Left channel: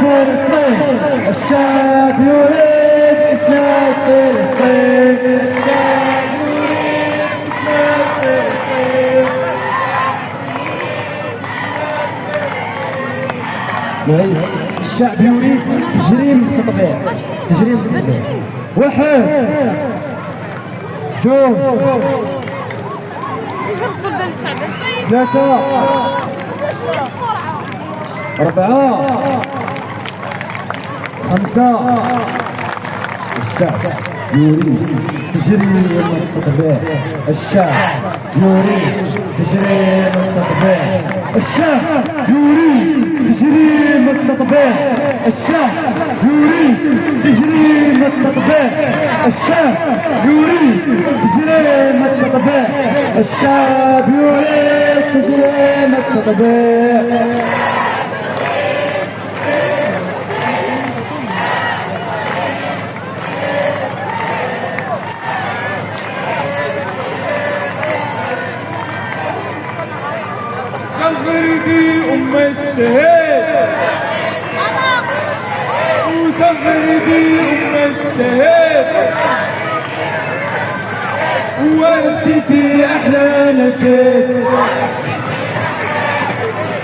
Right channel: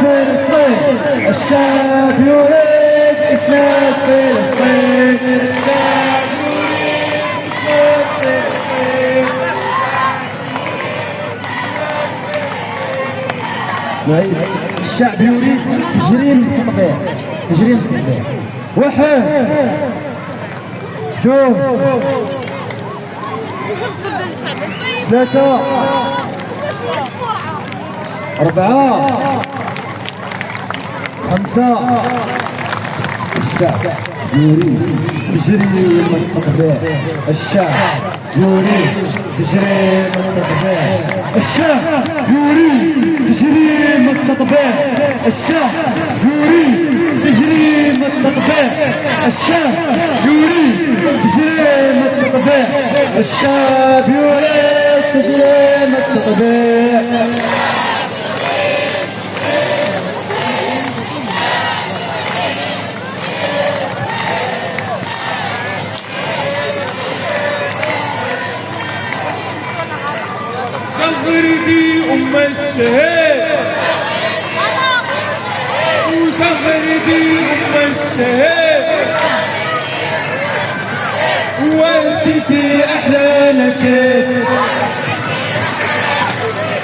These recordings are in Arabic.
فلسطين، الشعب يريد إسناد فلسطين، الشعب يريد إسناد فلسطين. الشعب يريد تجريم التطبيع، تجريم التطبيع. واحد، جوج، ثلاثة، أربعة، خمسة. الشعب يريد تجريم التطبيع، الشعب يريد تجريم التطبيع، الشعب يريد تجريم التطبيع، الشعب يريد تجريم التطبيع، الشعب يريد تجريم التطبيع، الشعب يريد تجريم التطبيع. غريبي أم الشهيد وغريبي أم الشهيد وأنت في أحلى نشيد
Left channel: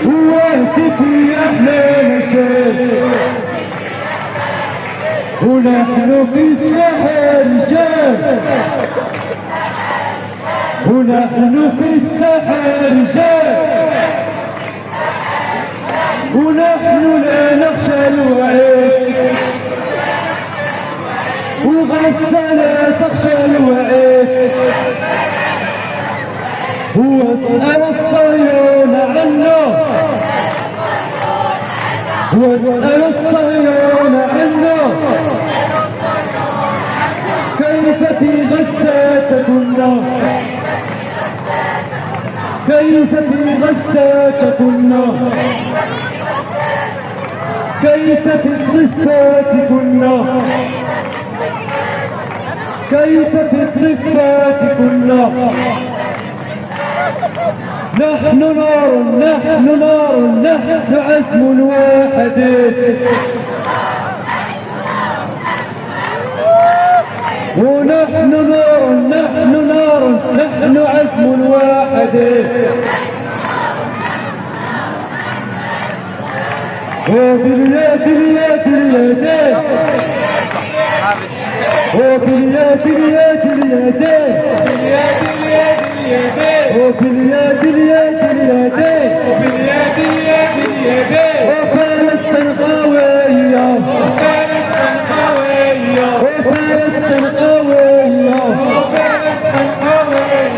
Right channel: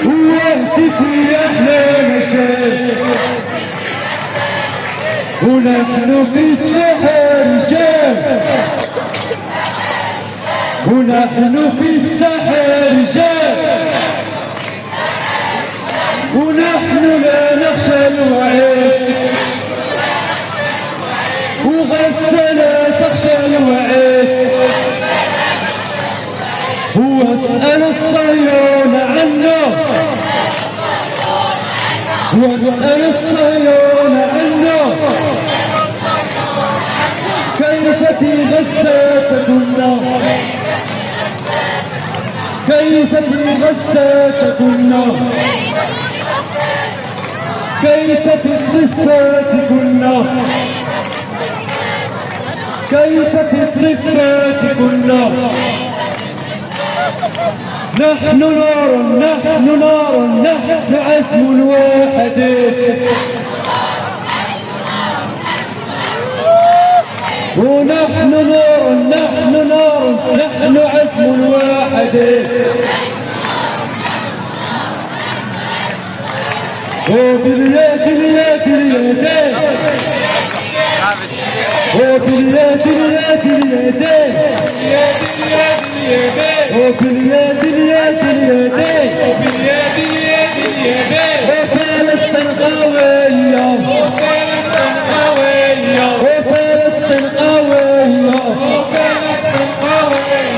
وأنت في أحلى نشيد ونحن في الساحة رجال ونحن في الساحة رجال ونحن لا نخشى الوعيد وغزة لا تخشى الوعيد واسأل الصهيون عنا واسأل الصهيون عنا كيف في غزة كنا كيف في غزة كنا كيف في الضفات كنا كيف في الضفات كنا نحن نار نحن نار نحن عزم واحد ونحن نار نحن نار نحن عزم واحد وباليد اليد اليدين وباليد اليد اليدين وباليد اليد اليدين وباليد اليد اليدين وفلسطين قوية وفلسطين قوية وفلسطين قوية وفلسطين قوية